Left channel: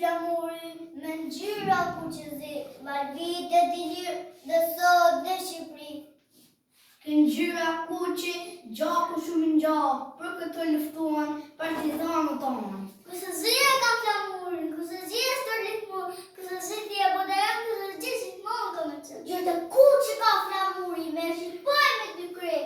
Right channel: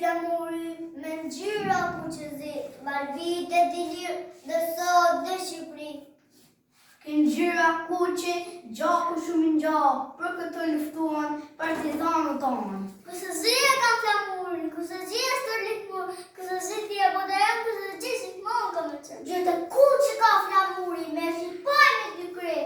flamuri me ngjyra kuqezi, barvite t'i lirë dhe sot dhe Shqipëri. Ngjyra kuqe, gjaku shumë i ngjallë, për këtë luftuan partizanët tonë. Kusëzia ka flamurin, kusëzia stërlikmur, kusëzia bodajan, kusëzia shikmon ka më qënë. Gjithë kuqe ka flamurin, me shqipaj me dy kre,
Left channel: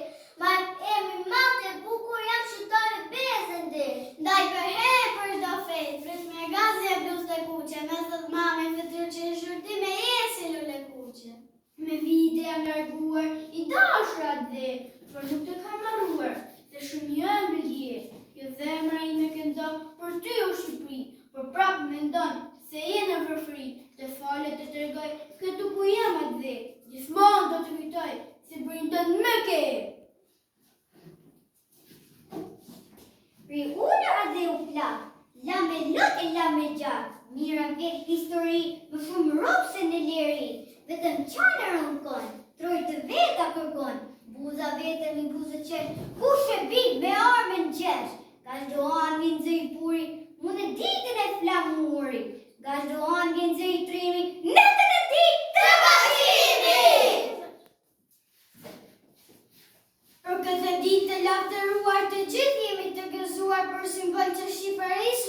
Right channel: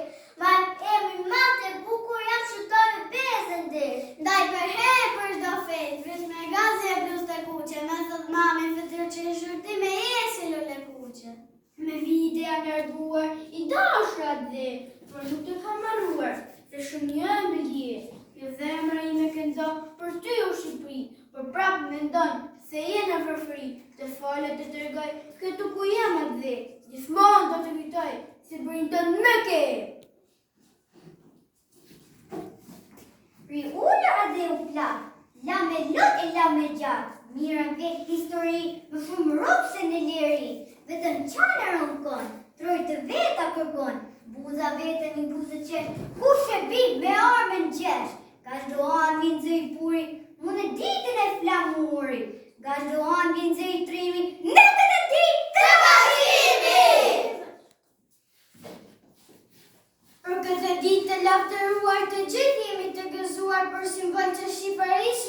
ma emi mate bukur jam shqiptare bezën dhe. Ndaj për herë për shdo fejt, vris me gazi e bluz të kuqe, me thot mami fëtyr që në shurti me esi lële kuqe. Me vite jam larguar, i dashra dhe, për nuk të kam marruar, dhe shumë jënë bëlje, jo zemra i me këndo për ty o Shqipëri, për prapë me ndonë, se jenë në fërfëri, të falet të tërgoj, këtu ku jam atë dhe, gjithmonë do të kujtoj, si bërin të në më ke. Pri ullë dhe u plak, la me lot e la me gjatë, mira vjetë histori, më shumë ropë se në leri, vetëm qanë rënkon, troj të veta kërkon, buza vetëm i buzë qesh, kush e bit me armën gjesh, ka shdohan vinë zë i puri, mune ditën e flamuri, ka shdohan vinë zë i trimi, netën e ditë të bashkimi! Për këtë ditë të lavdëruar të gjithë jemi të gëzuar për simbol që Shqipërisë